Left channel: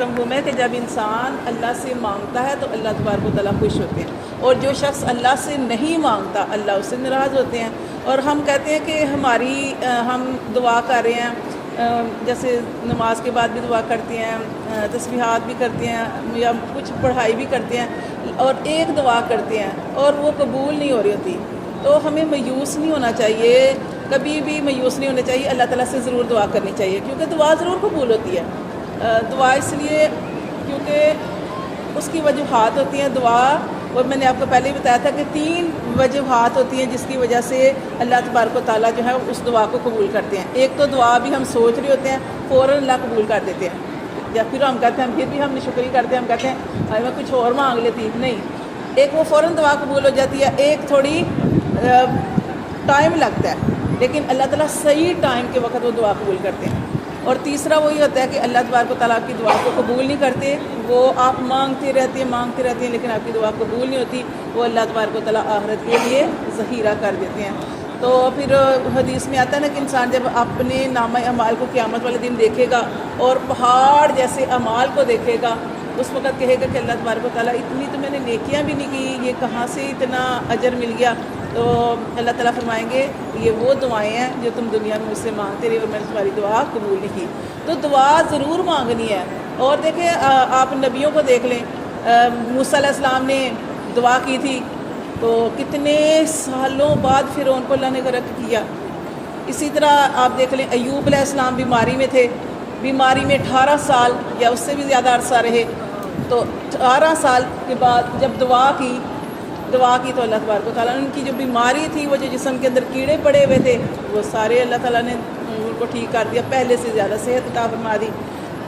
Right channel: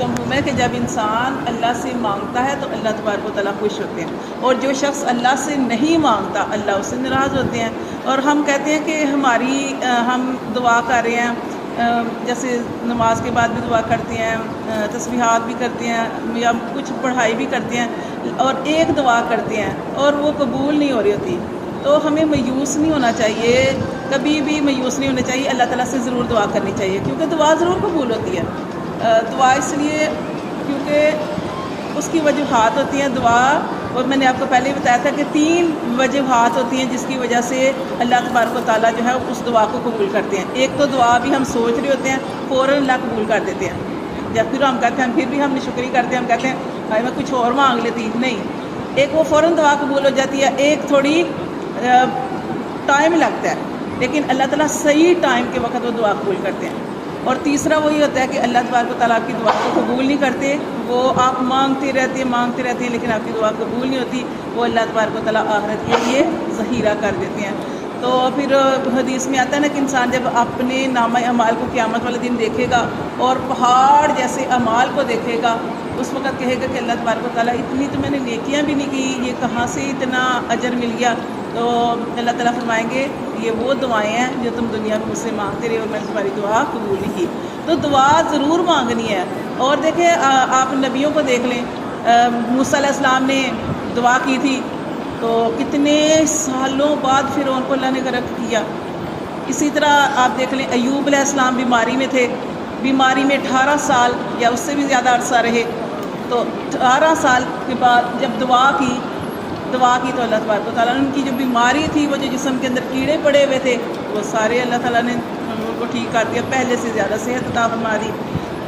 کا مفہوم ہے کہ جب انسان اللہ سے مانگتا ہے تو اللہ تبارک و تعالیٰ خوش ہوتے ہیں، اور جو شخص اللہ سے نہیں مانگتا اللہ اس سے ناراض ہوتے ہیں۔ اور ہم کہتے ہیں کہ ہم دعا کر رہے ہیں، جیسے نماز کے بعد بھی دعا کرتے ہیں، تسبیحات بھی کرتے ہیں یا کچھ پڑھائی بھی کرتے ہیں، اور ایک دعا کرتے ہیں اور وہ قبول نہیں ہو رہی ہوتی، تو ہمیں مایوس نہیں ہونا چاہیے، کبھی بھی مایوس نہیں ہونا چاہیے، اللہ تعالیٰ سے ضرور دعا کرنی چاہیے، کیونکہ دعا ضرور قبول ہوتی ہے۔ دعا اس لیے کیونکہ اس کی وجوہات ہوتی ہیں دعا، اور میں نے آپ کو پہلے ہی بتایا تھا کہ 3 وجوہات ہوتی ہیں جس کی وجہ سے اللہ تبارک و تعالیٰ جو ہے اس دعا کو قبول کرتے ہیں۔ ایک تو دعا بھی ہم سوچ رہے ہوتے ہیں، فوراً اللہ قبول کر دیتے ہیں، جب پھر ہم کہتے ہیں، پھر بھی ہم شکری کرتے ہیں، ہم کہتے ہیں بھائی میں کچھ اور مانگ لیتی، نہیں، ایک وہ فوراً دعا قبول ہو جاتی ہے، ایک تھوڑی ٹائم لگتا ہے، لیکن اللہ تعالیٰ صحیح ٹائم کے وقت وہ دعا قبول کرتے ہیں۔ اور تیسرا وہی ہوتا ہے کہ اللہ تبارک و تعالیٰ کی دعا کو قبول نہیں کرتے، وہ آپ مانگتے رہتے ہیں لیکن آپ کی دعا قبول نہیں ہوتی، وہ اللہ تبارک و تعالیٰ آخرت کے لیے ذخیرہ کر دیتے ہیں۔ تو پھر حدیث میں آتا ہے نا کہ انسان جب اپنے نامہ اعمال کو قیامت والے دن دیکھے گا اور پہاڑ جیسے اعمال کو دیکھے گا، اس وقت کہے گا کہ اللہ تبارک و تعالیٰ اتنی تو میں نے نیکیاں بھی نہیں کی، یہ کہاں سے اتنا اجر مل گیا؟ تو اللہ تعالیٰ فرمائیں گے یہ وہ دعائیں ہیں جو تم دنیا میں مجھ سے مانگتے رہے اور میں نے تمہاری دعا قبول نہیں کی۔ تو دعا ضرور مانگنی ہے۔ اور دیکھیں آپ نبیوں کو دیکھ لیں، موسیٰ علیہ السلام نے دعا کی تھی تو کتنے سالوں بعد فرعون کو اللہ نے غرق کیا۔ اسی طرح آپ دیکھ لیں ایوب علیہ السلام بیماری میں تھے، بیماری میں 18 سال یا اس سے بھی زیادہ عرصہ رہے، تو 18 سال کے بعد جب دعا کی تو اللہ تبارک و تعالیٰ نے ان کی جو بیماری تھی، وہ جو جسم کے اندر کیڑے پڑے ہوئے تھے، وہ سارے اللہ تعالیٰ نے ان کو ٹھیک کر دیا، پہلے سے زیادہ صحت عطا فرما دی۔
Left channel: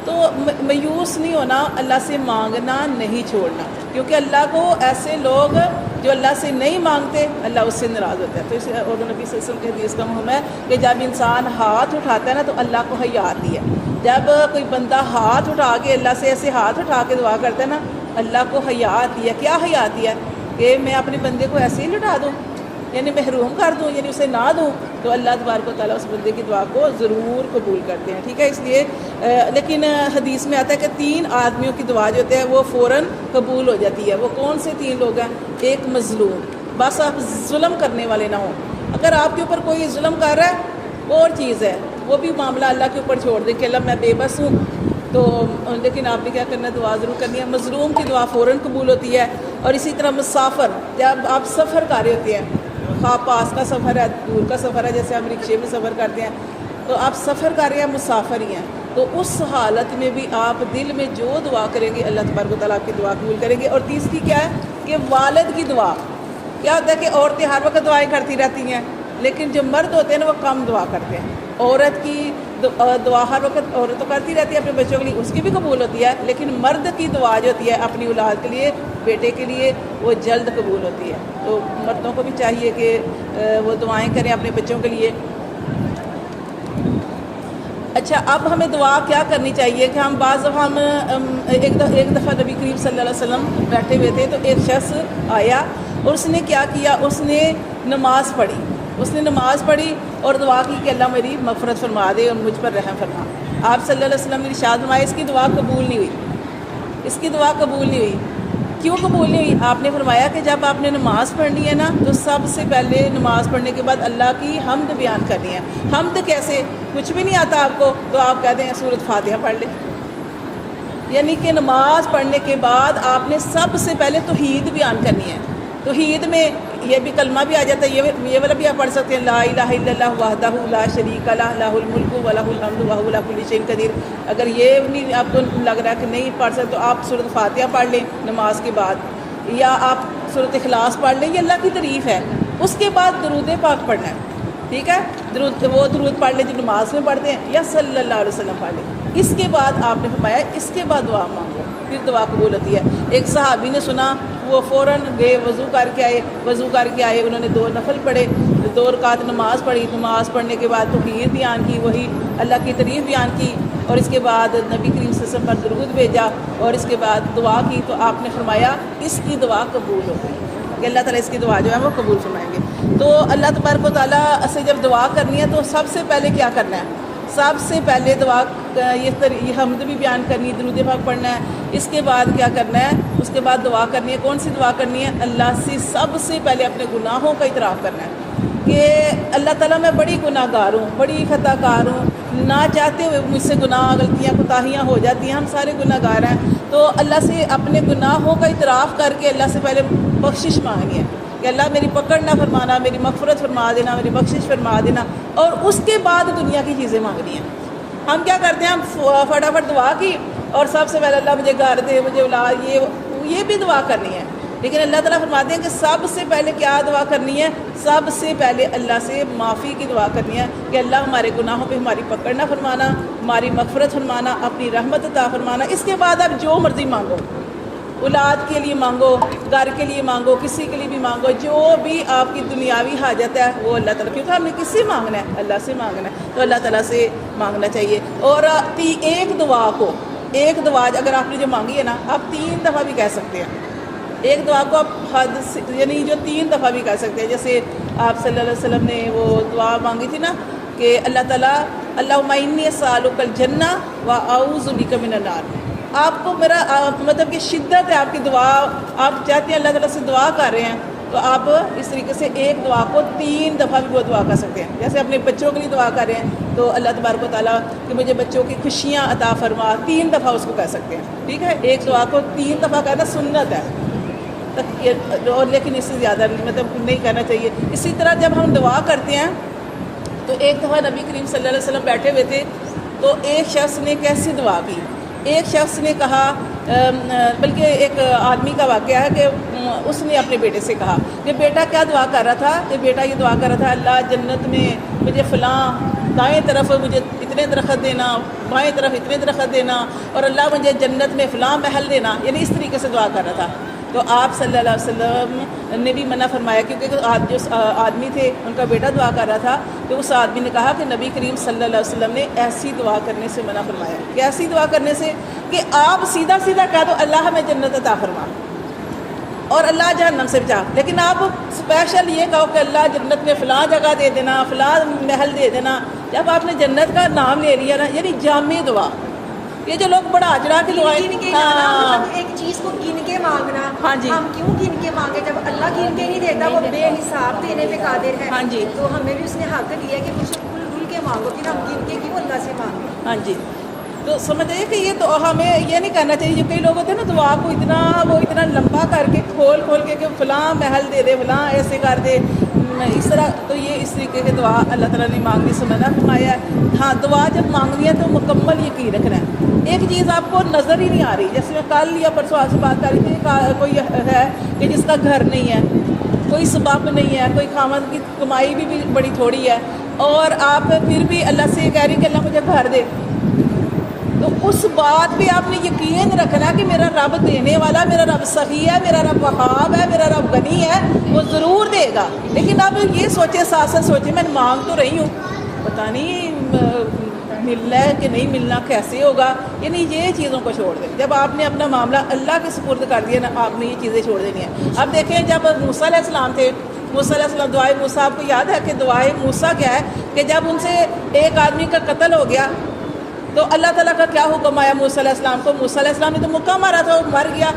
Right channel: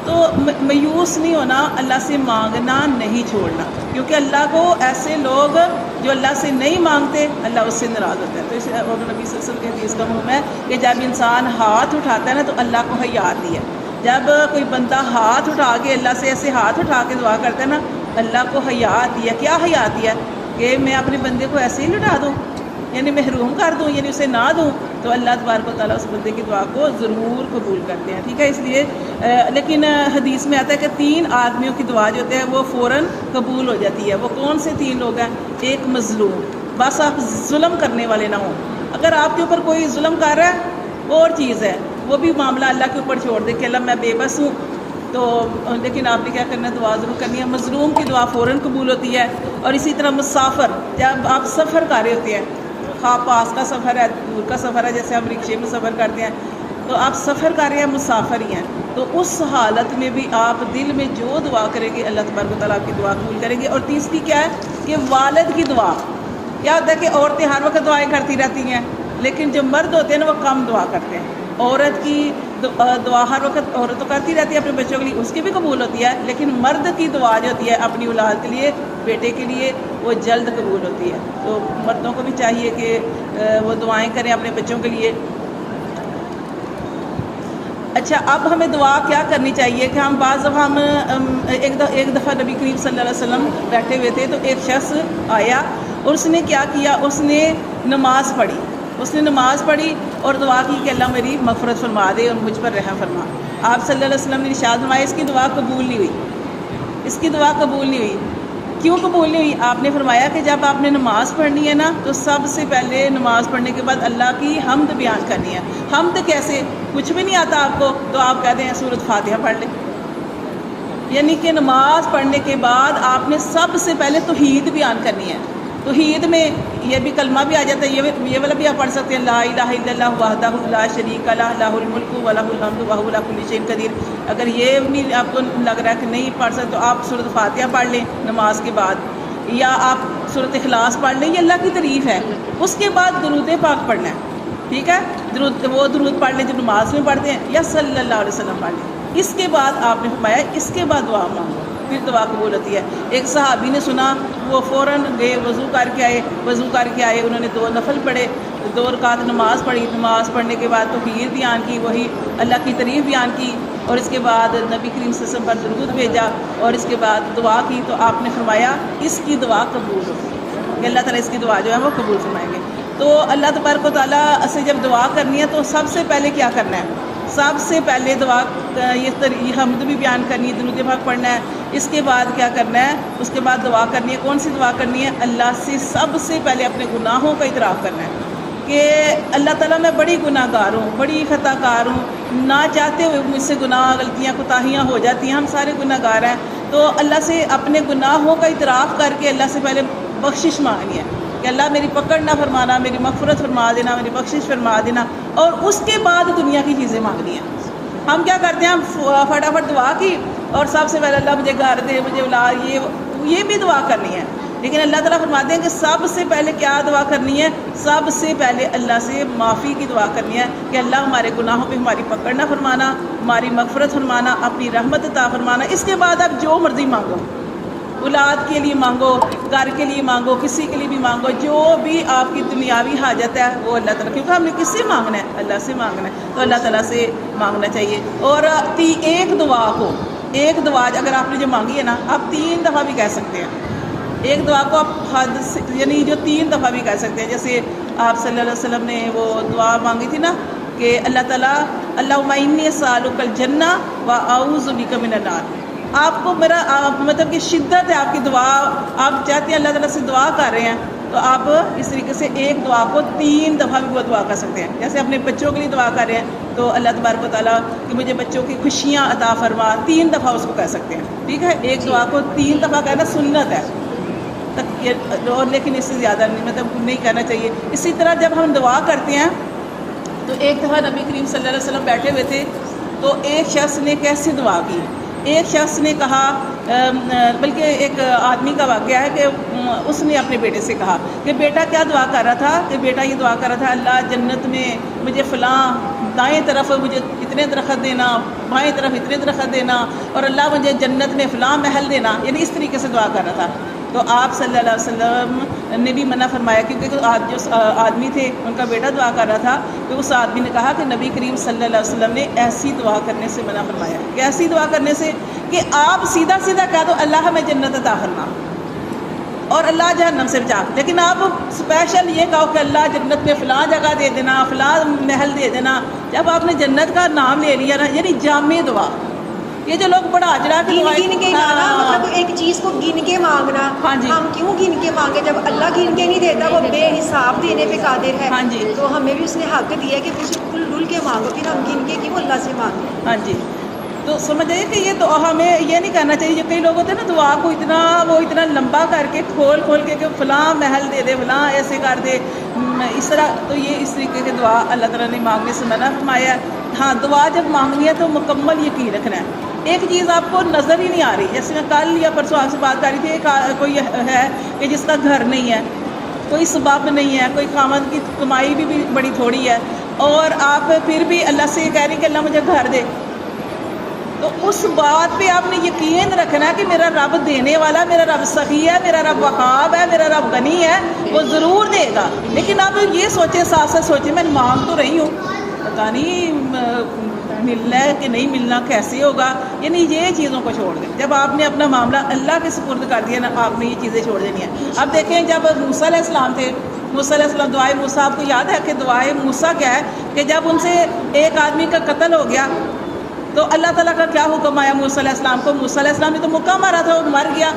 تو مایوس نہیں ہونا، اللہ سے مانگنا نہیں چھوڑنا، کیونکہ اللہ کو ایسے لوگ جو اللہ سے نہیں مانگتے اللہ اس سے ناراض ہوتا ہے۔ تو اس اور نبی صلی اللہ علیہ وسلم کی حدیث کا مفہوم ہے کہ جب انسان ہاتھ اٹھاتا ہے نا تو اللہ کو حیا آتی ہے۔ جب کوئی بندہ ہاتھ اٹھا کے اللہ سے ایسے ہاتھ اٹھا کے دعا کرتا ہے نا، اللہ کو حیا آتی ہے۔ کیا حیا آتی ہے؟ کہ میں اپنے بندے کو ایسے ہی لٹا دوں، یعنی محروم کر دوں، یعنی اسے نہ دوں، تو اللہ تبارک و تعالیٰ اس بندے کی دعا کو ضرور قبول کرتے ہیں، ٹھیک ہے۔ اس لیے لیکن حدیث میں آتا ہے کہ 3 آدمیوں کی دعا جو ہوتے ہیں وہ فوراً قبول ہو جاتی ہے۔ وہ کون سے 3 لوگ ہیں؟ ایک مظلوم، بس آپ ظلم کرنے والے نہ ہوں، اگر آپ کے اوپر کوئی ظلم کر رہا ہے وہ اور چیز ہے، وہ بھی معاملہ اللہ کے اوپر چھوڑ دے کہ اللہ میں بے بس ہوں، تو لیکن آپ نے کیا کرنا ہے؟ دعا ضرور کرنی ہے۔ مظلوم کی دعا فوراً قبول ہوتی ہے۔ اور اسی طرح مسافر، جب آپ سفر کر رہے ہوتے ہیں، خواہ پاس کا سفر ہے، دور کا سفر ہے، جیسے ہم رکشے میں سفر کرتے ہیں، تو آپ سفر کر رہے ہیں، مسافر ہی ہیں، تو اس حالت میں بھی آپ دل میں جو دعا کریں گے اللہ تبارک و تعالیٰ آپ کی دعا قبول کریں گے۔ اور تیسری کیا ہے کہ والد کی دعا، کیا ہوتا ہے کہ عورتیں ہر وقت دعائیں کرتی رہتی ہیں، لیکن جو مرد ہوتے ہیں نا وہ کم دعا کرتے ہیں۔ عورت کی دعا ہر وقت عورت تو کرتی رہتی ہے اپنے بچوں کے لیے، اس کی بھی قبول ہوتی ہے، لیکن مرد کی دعا جو ہوتی ہے اپنی اولاد کے لیے، بیٹے کے لیے، وہ جلد قبول ہوتی ہے۔ تو مردوں کو بھی چاہیے کہ وہ دعائیں کریں اپنے بچوں کے لیے۔ اچھا، اب ہمیں دعا کیا کرنی چاہیے کہ ہم بعض دفعہ ایک دفعہ نبی کریم صلی اللہ علیہ وسلم بیٹھے ہوئے تھے، تو ایک شخص آیا اور اس نے کیا کیا؟ اس نے نماز پڑھی اور دعا کی کہ اللہ میری مغفرت فرما دے اور مجھ پر رحم فرما۔ آپ صلی اللہ علیہ وسلم نے ارشاد فرمایا اس کی دعا قبول نہیں ہوئی۔ کیوں قبول نہیں ہوئی؟ آپ نے فرمایا کہ جب آپ نے نماز پڑھنی ہے نا تو سب سے پہلے نماز پڑھنے کے بعد اللہ کی حمد بیان کرنی ہے۔ حمد کیسے؟ کچھ بھی نہیں آتا آپ کو تو آپ کہتے ہیں سورۃ فاتحہ پڑھ لیں، یعنی کہ نماز پڑھنے کے بعد آپ نے سب سے پہلے توحید بیان کرنی ہے۔ توحید میں یہ بھی کلمہ بھی آ جاتا ہے، یہ والا بھی آپ پڑھ سکتے ہیں، لا الہ الا اللہ وحدہ لا شریک لہ لہ الملک ولہ الحمد وہو علی کل شیء قدیر۔ اگر یہ نہیں آپ کو لگ رہا ہے کہ نہیں پڑھ سکتے تو آپ سورۃ فاتحہ پڑھ لیں نماز کے بعد، یا آپ سورۃ اخلاص پڑھ لیں، یہ اللہ کی تعریف ہے۔ اس کے بعد درود پاک پڑھنا ہے، ٹھیک ہے، درود پڑھ لیں جو نماز میں پڑھتے ہیں، یا صلی اللہ علیہ وسلم پڑھ لیں۔ اس کے بعد آپ نے فرمایا اس کے بعد دعا مانگو، پھر دعا قبول ہوتی ہے۔ ایک صحابی نے سنا، وہ فوراً گئے، وضو کر کے آئے، انہوں نے 2 نفل پڑھے، 2 رکعت نماز پڑھی، نماز پڑھنے کے بعد توحید بیان کی، وہی اللہ کی تعریف بیان کی، اور اس کے بعد نبی کریم صلی اللہ علیہ وسلم پر درود بھیجا، اور اس کے بعد دعا کی، تو آپ نے فرمایا اس کی دعا قبول ہوگی، کہ اللہ تعالیٰ اس کی دعا جو ہے وہ قبول فرمائیں گے۔ تو اللہ تبارک و تعالیٰ سے جب دعا کرنی ہے تو سب سے پہلے کیا کرنا ہے؟ سب سے پہلے دعا یہ حمد بھی بیان کرنی ہے، درود پاک پڑھنا ہے، اس کے بعد کیا کرنا ہے، اس کے بعد دعا کرنی ہے۔ کون سی دعا کرنی ہے؟ اللہ سے سب سے پہلے اپنے گناہوں کا اعتراف کرنا ہے کہ اللہ تعالیٰ میں بڑی گناہ گار ہوں، بڑی خطا کار ہوں، نہ چاہتے ہوئے مجھ سے گناہ غلطیاں کوتاہیاں ہو جاتی ہیں، ہم سارے گناہ گار ہیں۔ تو اللہ سے اپنے گناہوں کا اعتراف کر کے اللہ سے پہلے بخشش مانگنی ہے کہ اللہ میری پکڑ نہ فرمانا، میری مغفرت فرما دینا، میری بخشش فرما دینا، اور اس کے بعد دنیا کی چیزیں مانگنی ہیں۔ ہم کیا کرتے ہیں، ہم فٹافٹ دعا کی اور سب سے پہلے اللہ مجھے گھر دے، مجھے اولاد، یہ بھی دعا کرنی ہے، لیکن اللہ تعالیٰ فرماتے ہیں کہ سب سے پہلے کیا دعا کرنی ہے؟ سب سے پہلے اللہ سے معافی کی دعا کرنی ہے کہ اللہ ہمارے گناہوں پہ ہماری پکڑ نہ فرمانا، ہماری مغفرت فرمانا، اپنی رحمت عطا فرمانا۔ اس کے بعد آپ جو مرضی مانگو، اولاد کے لیے مانگو، گھر کے لیے مانگو، کسی کے لیے بھی مانگو، جو بھی آپ کی دنیاوی حاجت ہے وہ اللہ تعالیٰ، کیونکہ ہم نے کس سے مانگنا ہے؟ اللہ سے مانگنا ہے، تو اللہ تعالیٰ سے مانگنا چاہیے۔ اور ایک دعا اگر آپ نے جو مانگی ہے نا، آپ 3 دفعہ بھی کہہ سکتے ہیں۔ ایک دعا کو آپ یعنی جو 3 دفعہ بھی کہہ سکتے ہیں، جیسے آپ صلی اللہ علیہ وسلم نے وہ دعا مانگی تھی نا کہ اللہ تعالیٰ اللہم انی اسألک الجنہ واعوذ بک من النار۔ آپ کو میرا مطلب کہ شدت ہے آپ کی دعا، آپ چاہتے ہیں اللہ تعالیٰ سے دعا کر رہے ہیں، تو آپ اس طریقے سے ایک دعا کو 3 دفعہ بھی وہ دعا کر سکتے ہیں۔ جیسے اپنے بچوں کے لیے دعا کر رہے ہیں تو اللہ تبارک و تعالیٰ کہ مجھے بچوں کی خوشیاں عطا فرما، 3 دفعہ اس کو کہہ سکتے ہیں، ٹھیک ہے۔ ایک دعا کو 3 دفعہ کہنا سنت ہے، اور لیکن اس سے زیادہ مطلب نہیں کہنا چاہیے۔ اسی طرح جب ہم دعا کرتے ہیں تو ایک دفعہ نبی کریم صلی اللہ علیہ وسلم بیٹھے ہوئے تھے، تو ایک شخص نے کیسی دعا کی، ایک شخص نے کہا، بلکہ ایک آدمی کا واقعہ ہے کہ اس نے اپنے بیٹے سے کہا کہ بیٹا کیا دعا کر رہا تھا، کہ بیٹا یہ دعا کر رہا تھا اللہ جنت میں مجھے فلاں دائیں طرف مجھے اتنے درخت دینا، بائیں طرف اتنے درخت دینا، اور اللہ مجھے جنت میں فلاں محل دینا، یعنی اس طریقے سے دعا کر رہا تھا۔ تو آپ صلی اللہ علیہ وسلم نے بھی منع فرمایا، کیونکہ جو آدمی تھے ان کا بیٹا دعا کر رہا تھا، تو اس آدمی نے کہا کہ نبی کریم صلی اللہ علیہ وسلم نے ایسی دعا کرنے سے منع فرمایا، کہ ایسی دعا کرنے سے کہ آپ سیدھا سیدھا کہہ دو اللہ ہمیں جنت عطا فرما اور اللہ جہنم سے بچا، لیکن آپ اسپیشل یہ کہو کہ اللہ جنت میں فلاں جگہ دے دینا، فلاں محل دے دینا۔ جب آپ نے جنت کا نام لے لیا نا، یعنی جامع دعا، یہ جو لوگ بڑا اجڑا کے گن کے جانا، مطلب ایک چیز کو گن کے مانگنا۔ ہاں جی، ہم کیوں گن کے مانگے جب اللہ گن کے نہیں دیتا، وہ بے حساب دینے پہ قادر ہے۔ ہاں جی، تو ہمیں بھی اس نے حق دیا کہ کچھ کھل ڈل کے مانگو، پھر ہم گن کے کیوں اللہ سے مانگیں۔ ہاں جی، تو سمجھے کہ یہ تو ہمیں یہ نہیں کرنا چاہیے، جو کئی لوگ ہوتے ہیں نا دعا کو اتنا لمبا کر کے کھول کے کہ فلاں محل دے دے، فلاں ایسے کر دے، اس طرح، تو یہ اس طریقے کی دعا اللہ تعالیٰ نے مانگنے سے منع فرمایا ہے۔ ہاں، دعا جب مانگنی ہے تو مکمل یقین رکھنا ہے۔ ایک چیز آپ کو نظر ہی نہیں آ رہی، جیسے میں کل یا پرسوں آپ سے بات کر رہی تھی، کوئی ہے کہ جس کا گھر نہیں ہے، کوئی سبب نہیں ہے، کوئی خاوند کی کمائی بھی بڑی تھوڑی ہے، اور آپ پھر بھی اللہ سے کہہ رہی کہ اللہ مجھے گھر دے، تو اس بات پہ آپ نے یقین رکھنا ہے کہ میرا رب دینے والا، میرا رب سخی ہے، میرا رب وہاب ہے، میرا رب غنی ہے، وہ ضرور دے گا۔ لیکن آپ یہ سوچیں، ساتھ ساتھ سوچیں میں مانگ تو رہی ہوں، پتہ نہیں ملنا ہے کہ نہیں ملنا، کیسے ہوگا، یعنی یہ چیزوں کو چھوڑ دیں۔ جب آپ نے اپنا معاملہ اللہ کے سپرد کر دیا نا، آپ نے یہ چیزیں چھوڑ دینی ہیں۔ اب دیکھیں جب موسیٰ علیہ السلام تھے، موسیٰ علیہ السلام، دعائے موسیٰ، آپ کو یاد ہے کہ دعائے موسیٰ کیا ہے کہ جب ان سے ایک آدمی کا قتل ہو گیا تو اللہ تعالیٰ کا کیا حکم آیا موسیٰ علیہ السلام کو؟ موسیٰ علیہ السلام نے تو مکہ مارا تھا، وہ مر گیا۔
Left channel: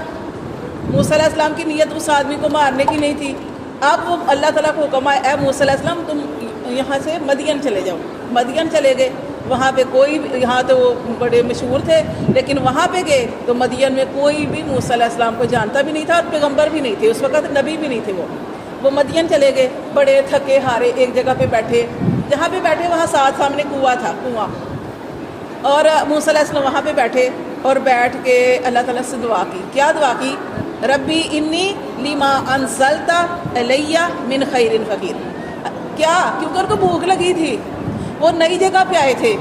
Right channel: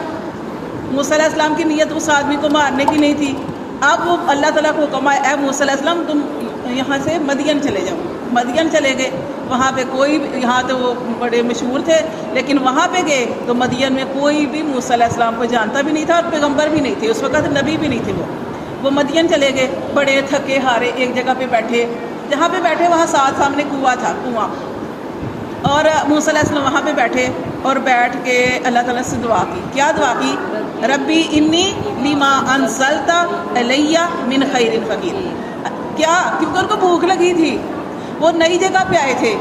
موسیٰ علیہ السلام کی نیت اس آدمی کو مارنے کی نہیں تھی۔ اب وہ اللہ تعالیٰ کو حکم آیا، اے موسیٰ علیہ السلام تم یہاں سے مدین چلے جاؤ۔ مدین چلے گئے، وہاں پہ کوئی، یہاں تو وہ بڑے مشہور تھے، لیکن وہاں پہ گئے تو مدین میں کوئی بھی موسیٰ علیہ السلام کو جانتا بھی نہیں تھا، اور پیغمبر بھی نہیں تھے اس وقت، نبی بھی نہیں تھے۔ وہ مدین چلے گئے، بڑے تھکے ہارے ایک جگہ پہ بیٹھے، جہاں پہ بیٹھے وہاں سامنے کنواں تھا، اور موسیٰ علیہ السلام وہاں پہ بیٹھے اور بیٹھ کے اللہ تعالیٰ سے دعا کی۔ کیا دعا کی؟ ربی انی لما انزلت الی من خیر فقیر۔ کیا؟ کیونکہ ان کو بھوک لگی تھی، وہ نئی جگہ پہ آئے تھے،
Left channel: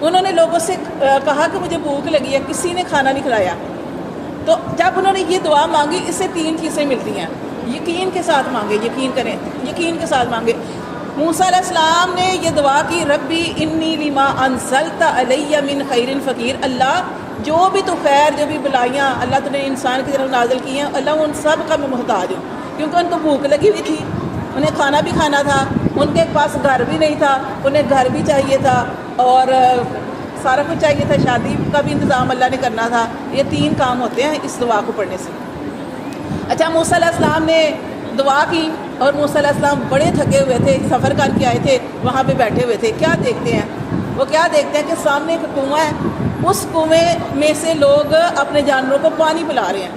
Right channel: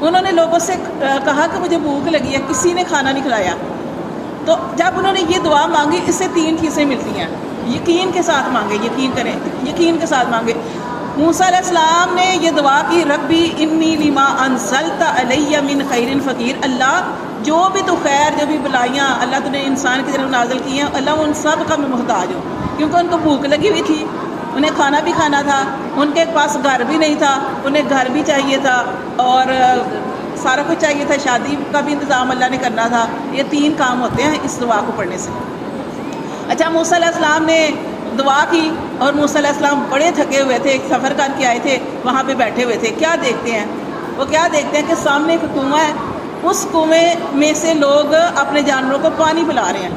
انہوں نے لوگوں سے کہا کہ مجھے بھوک لگی ہے، کسی نے کھانا نہیں کھلایا۔ تو جب انہوں نے یہ دعا مانگی، اس سے 3 چیزیں ملتی ہیں۔ یقین کے ساتھ مانگے، یقین کریں، یقین کے ساتھ مانگے۔ موسیٰ علیہ السلام نے یہ دعا کی، ربی انی لما انزلت علی من خیر فقیر، اللہ جو بھی تو خیر، جو بھی بلائیاں اللہ تو نے انسان کی طرف نازل کی ہیں، اللہ ان سب کا میں محتاج ہوں۔ کیونکہ ان کو بھوک لگی ہوئی تھی، انہیں کھانا بھی کھانا تھا، ان کے پاس گھر بھی نہیں تھا، انہیں گھر بھی چاہیے تھا، اور سارا کچھ چاہیے تھا، شادی کا بھی انتظام اللہ نے کرنا تھا. یہ 3 کام ہوتے ہیں اس دعا کو پڑھنے سے. اچھا، موسیٰ علیہ السلام نے دعا کی اور موسیٰ علیہ السلام بڑے تھکے ہوئے تھے، ایک سفر کر کے آئے تھے، وہاں پہ بیٹھے ہوئے تھے. کیا دیکھتے ہیں وہ؟ کیا دیکھتے ہیں کہ سامنے ایک کنواں ہے، اس کنویں میں سے لوگ اپنے جانوروں کو پانی پلا رہے ہیں.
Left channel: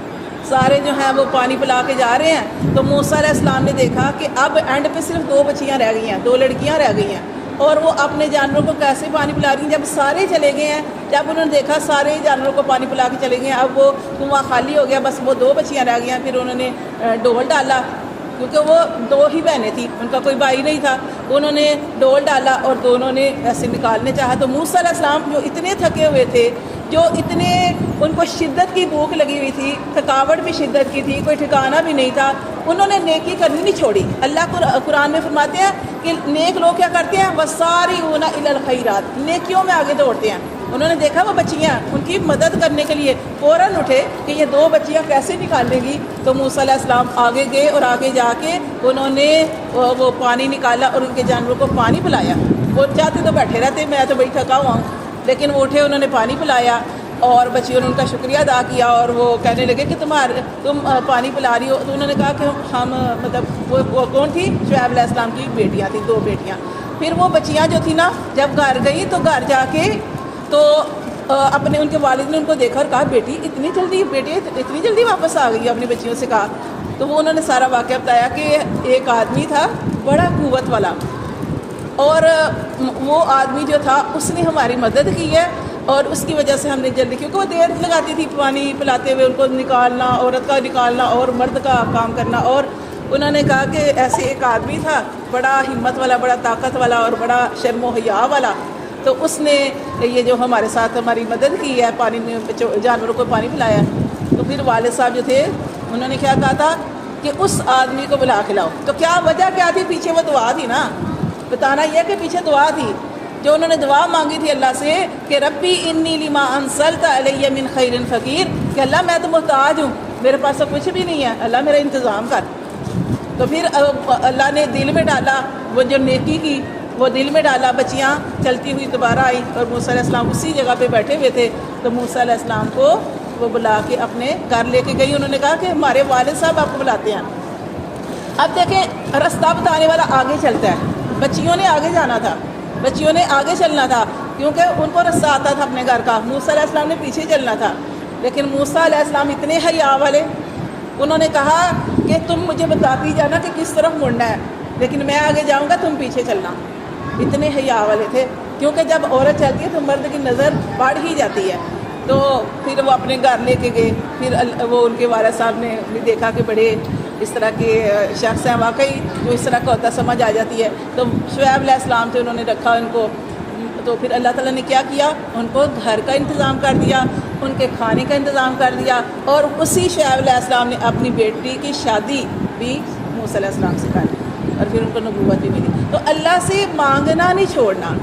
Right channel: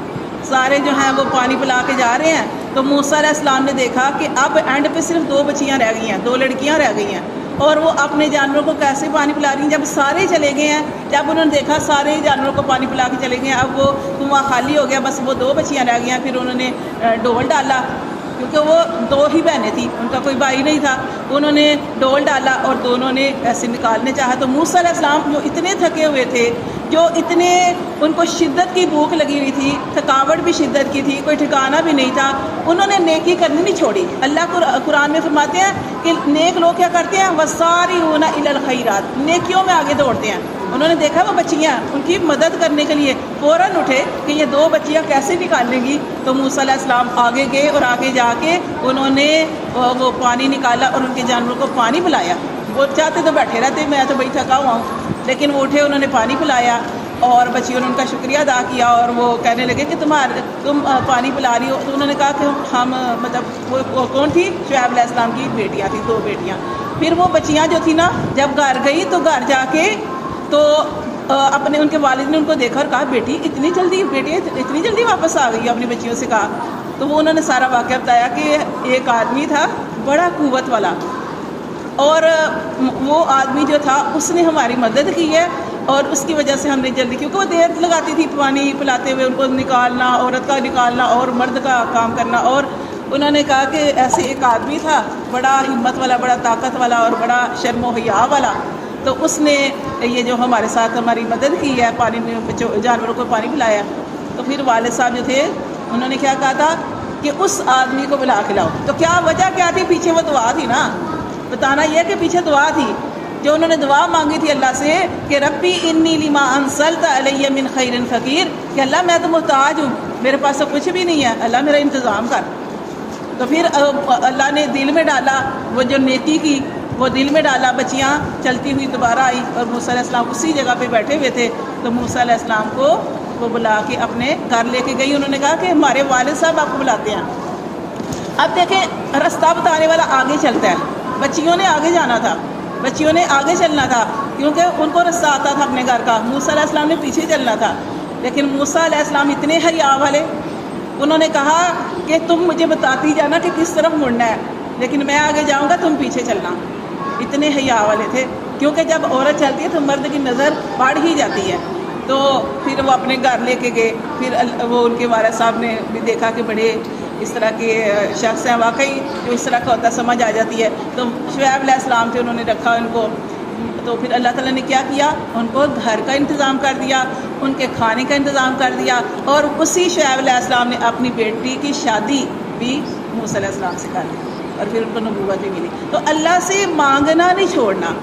سارے جو ہیں وہ پانی پلا کے جا رہے ہیں. تو موسیٰ علیہ السلام نے دیکھا کہ اب اینڈ پہ صرف 2 بچیاں رہ گئی ہیں، 2 لڑکیاں رہ گئی ہیں، اور وہ اپنے جانوروں کو کیسے پانی پلا رہی ہیں؟ جب سارے چلے گئے ہیں، جب انہوں نے دیکھا سارے جانوروں کو پانی پلا کے چلے گئے ہیں، اب وہ کنواں خالی ہو گیا، بس وہ 2 بچیاں رہ گئی ہیں. پھر انہوں نے ڈول ڈالا، کیونکہ وہ 2 ہی بہنیں تھیں، ان کا کوئی بھائی نہیں تھا. انہوں نے ڈول ڈالا اور دونوں نے ایسے نکالنے چاہا. تو موسیٰ علیہ السلام جو اتنے تھکے ہوئے تھے، جو اتنے ان کو شدت کی بھوک لگی ہوئی تھی، تھکاوٹ بھی شدت کی تھی، کوئی ٹھکانہ بھی نہیں تھا، انہوں نے نیکی کرنی نہیں چھوڑی. اللہ قرآن میں فرماتے ہیں کہ نیک لوگ کیا کرتے ہیں؟ وَسَارِعُونَ إِلَى الْخَيْرَاتِ، نیکیوں میں آگے دوڑتے ہیں. انہوں نے دیکھا وہ بچیاں، ان کی مدد کرنے کے لیے فوراً اٹھے کہ یہ 2 بچیاں کیسے نکالیں گی. تو موسیٰ علیہ السلام آگے گئے اور آگے جا کے انہوں نے وہ پانی نکالا اور ان کے جانوروں کو پانی پلایا. وہ چاہتے تو بیٹھے رہتے، میں تو بڑی تھکا ہوا ہوں، لیکن وہ اٹھے، انہوں نے پانی پلایا اور بچیوں نے ان کا شکریہ ادا کیا. اور وہ کہنے لگے کہ تم پانی پلا رہی ہو. تو انہوں نے کہا کہ ہم مطلب وہ کون تھی؟ شعیب علیہ السلام کی بیٹیاں تھیں، 2 بیٹیاں. پھر وہ بچیاں جو تھیں نا، جب گھر گئی تو گھر جا کے تو اپنے ان کے والد نے ان کو دیکھا اور کہا بیٹی اتنی جلدی واپس آ گئی. اپنی بچیوں سے کہا. تو وہ انہوں نے سارا واقعہ بتایا کہ ایک آدمی تھا بڑا قوت والا، اور وہ آدمی جو تھا اس نے ہماری مدد کی ہے، اور اس کی وجہ سے ہم نے جلدی، کیونکہ وہ دیر لگاتی تھی پانی پلاتے ہوئے، ان کو نکالنا، عورت کا نکالنا اور مرد کا کام کرنا. اور انہوں نے کہا کہ ایسے ایک آدمی تھا بڑا ہمت والا، بڑا طاقت والا اور بڑا شرم و حیا والا، تو اس نے یہ جو ہمارے ساتھ ہماری مدد کی ہے، پانی میں جانوروں کو پانی پلایا. تو پھر والد صاحب جو تھے انہوں نے کیا کہا تھا کہ اس آدمی کو بلا کے لاؤ. تو کیا وجہ کیا تھی؟ پیچھے وہ دعا تھی نا، بتانا یہ کہ پیچھے دعا تھی جو انہوں نے دعا مانگی تھی اللہ سے کہ ربی انی لما انزلت علی من خیر فقیر، کہ اللہ میں تو محتاج ہوں، میرے پاس تو کچھ بھی نہیں ہے، اللہ میرا انتظام کر. تو پھر اللہ نے دل میں ڈالا وہ جو نیکی کی، وہ دل میں ڈالا. بچیاں چلتی ہوئی دوبارہ آئی اور موسیٰ علیہ السلام اسی جگہ پہ بیٹھے ہوئے تھے. تو موسیٰ علیہ السلام کو وہ بلا کے اپنے گھر لے کے گئی. انہوں نے کہا کہ ہمارے والد صاحب آپ کو بلاتے ہیں. اب دیکھیں رستہ بتانے والا آگے چلتا ہے، بچیوں نے آگے جانا تھا، بچیوں نے آگے چلنا تھا، کیونکہ ان کو رستہ آتا تھا اپنے گھر کا. موسیٰ علیہ السلام نے پیچھے چلنا تھا. لیکن موسیٰ علیہ السلام اتنے حیا والے، انہوں نے کہا کہ تم مجھے بتاتی جانا کہ کس طرف مڑنا ہے، لیکن میں آگے جاؤں گا، تم پیچھے چلنا. اتنے حیا والے تھے، کیونکہ جب عورت چلتی ہے تو مرد کی نظر پڑ ہی جاتی ہے. تو پھر وہ اپنے گھر لے کے گئے. پھر وہ ان کے والد صاحب نے بھی دیکھا کہ بڑے اس طرح کے شخص ہیں، واقعی جو اس طرح کا ہوتا سمجھ آ جاتی ہے. تو شعیب علیہ السلام تھے، انہوں نے رکھا ان کو. تو پھر اللہ تعالیٰ نے کیا کیا؟ ان کو گھر کا انتظام کر دیا، ان کے کھانے کا انتظام کر دیا. اور اسی شعیب علیہ السلام نے اپنی بیٹی کی شادی بھی موسیٰ علیہ السلام سے کر لی اور پھر ان کو نبوت بھی ملی. تو اللہ سے مانگنا نہیں چھوڑنا.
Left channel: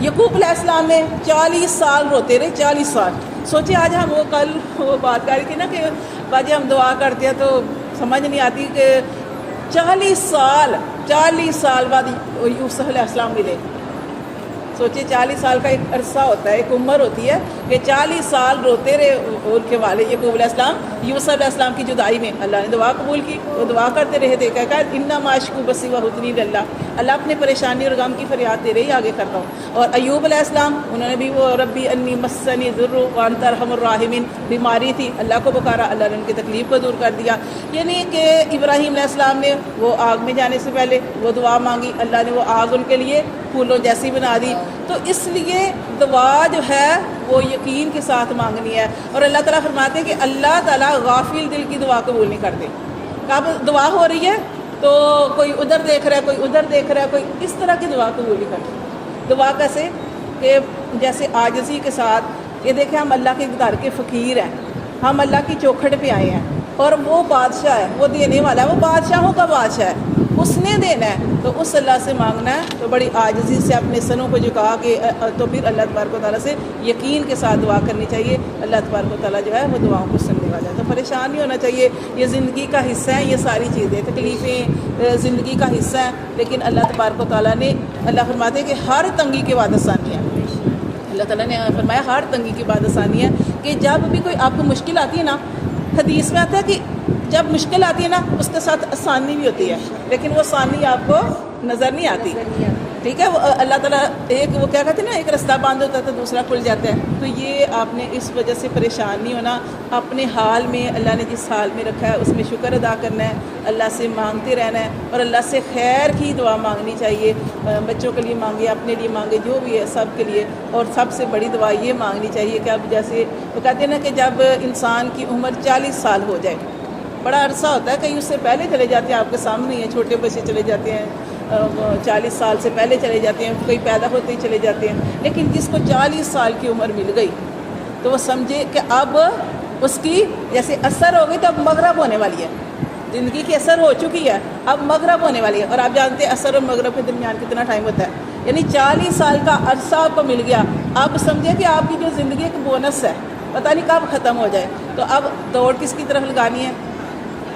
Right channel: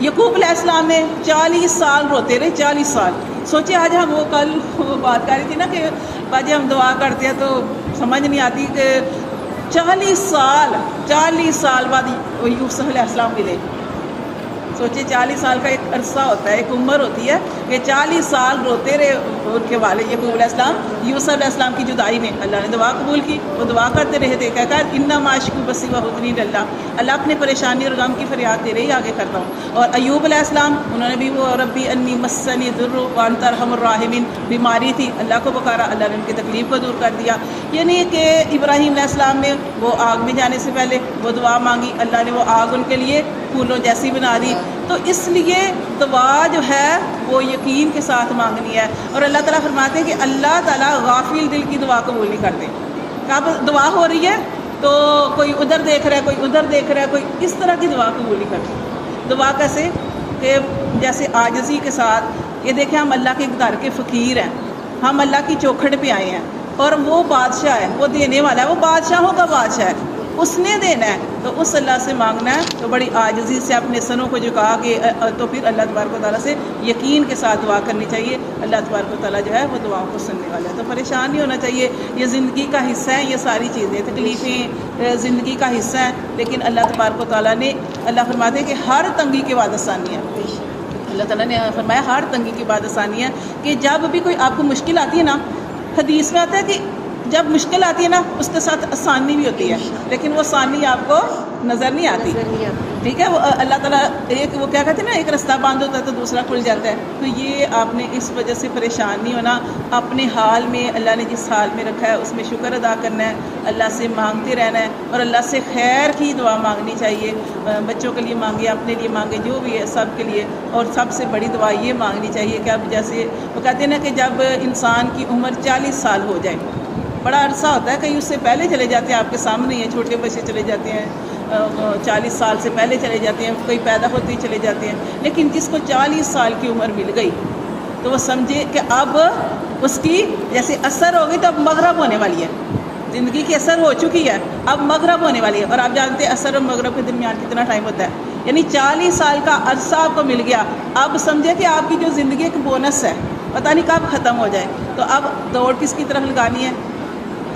یعقوب علیہ السلام نے 40 سال روتے رہے، 40 سال. سوچے آج ہم کل وہ بات کر رہی تھی نا کہ آج ہم دعا کرتے ہیں تو سمجھ نہیں آتی کہ 40 سال بعد یوسف علیہ السلام ملے. سوچے 40 سال کا ایک عرصہ ہوتا ہے، ایک عمر ہوتی ہے کہ 40 سال روتے رہے ان کے والد یعقوب علیہ السلام یوسف علیہ السلام کی جدائی میں. اللہ نے دعا قبول کی، وہ دعا کرتے رہے تھے، کہا انما اشکو بثی وحزنی للہ، اللہ اپنے پریشانی اور غم کی فریاد تیرے ہی آگے کرتا ہوں. اور ایوب علیہ السلام انہوں نے بھی وہ ربی انی مسنی الضر وانت ارحم الراحمین، بیماری تھی، اللہ کو پکارا، اللہ نے ان کی تکلیف کو دور کر دیا. یعنی کہ ابراہیم علیہ السلام نے وہ آگ میں جانے سے پہلے وہ دعا مانگی، اللہ نے وہ آگ ان کے لیے پھولوں جیسی بنا دی. تو اس لیے دعا جو ہے وہ یقین کے ساتھ مانگنی ہے. اور اللہ تعالیٰ فرماتے ہیں کہ اللہ تعالیٰ غافل دل کی دعا قبول نہیں کرتے. اب دعا ہو رہی ہے تو کوئی ادھر دیکھ رہا ہے، کوئی ادھر دیکھ رہا ہے، کوئی اس طرح کی دعا قبول نہیں کرتے. دعا کیسے؟ کہ جیسے عاجزی کے ساتھ، یہ دیکھیں ہم اللہ کے گھر کے فقیر ہیں، ہم اللہ کی چوکھٹ پہ آئے ہیں، اور وہ بادشاہ ہے، وہ دینے والا ہے، وہ بادشاہوں کا بادشاہ ہے، اس نے دینا ہے. تو اس اللہ سے مانگنا ہے تو بڑی عاجزی سے اپنے سنوں کو جھکا کے. تو پھر اللہ تبارک و تعالیٰ سے یقین کے ساتھ دعا کرنی چاہیے. اللہ تبارک و تعالیٰ جو ہے وہ دعاؤں کو سننے والا ہے. تو پریشان نہیں ہونا چاہیے، یہ زندگی کا حصہ ہیں، یہ ساری چیزیں تکلیفیں زندگی کا حصہ ہیں، لیکن اللہ تبارک و تعالیٰ نے، اللہ فرماتے ہیں کہ ہر تنگی کے بعد آسانی ہے. اللہ تعالیٰ نے فرمایا ہر تنگی کی بات آسانی ہے، کہ جب بھی کوئی آپ کو مشکل آتی ہے نا، حدیث میں آتا ہے کہ جب مشکل آتی ہے نا اس کے ساتھ آسانی بھی ہوتی ہے، لیکن وہ آسانی آپ کو نظر نہیں آتی، نظر نہیں آتی۔ ٹھیک ہے۔ وہ اللہ تعالیٰ ایک وہ کیا کہتے ہیں نا، ایک رستہ بند ہوتا ہے تو دوسرا کھل جاتا ہے، تو یہ آپ نے اس وجہ سے پریشان نہیں ہونا، اپنے حال میں اللہ نے جس حال میں رکھا ہے اس میں شکر ادا کرنا ہے، اللہ سے مانگتے رہنا ہے، اور اللہ سے خیر کی دعا مانگنی چاہیے، بچوں کے لیے مانگے، اپنے لیے مانگے، جو بھی ہے سب کے لیے، اور سب سے بڑی دعا یہ مانگنی چاہیے کہ اب جیسے وہ کہتے ہیں نا کہ جب انسان کی عمر 40 سال ہو جائے، بڑا عرصہ ہوتا ہے، کہیں اس سے پہلے چلے جاتے ہیں، آپ کے سامنے ہی ہیں، چھوٹے بچے چلے جاتے ہیں 40 سال سے پہلے چلے جاتے ہیں، کوئی پیدا ہوتے ہی چلے جاتے ہیں، لیکن جس کو 40 سال کی عمر مل گئی تو وہ سمجھے کہ اب اس کی جیسے اثر ہو گئی تو اب مغرب ہونے والی ہے، زندگی کی اثر ہو چکی ہے، اب مغرب ہونے والی ہے، اور آپ جانتے ہیں اثر اور مغرب کے درمیان کتنا ٹائم ہوتا ہے، یعنی 40 سال کا عرصہ آپ کو مل گیا، اب سمجھے کہ آپ کی جو زندگی ایک بونس ہے، پتہ نہیں کب ختم ہو جائے، تو اب دوڑ کس کی طرف لگانی ہے؟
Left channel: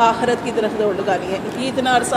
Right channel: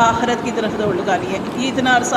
آخرت کی طرف دوڑ لگانی ہے، یہ اتنا عرصہ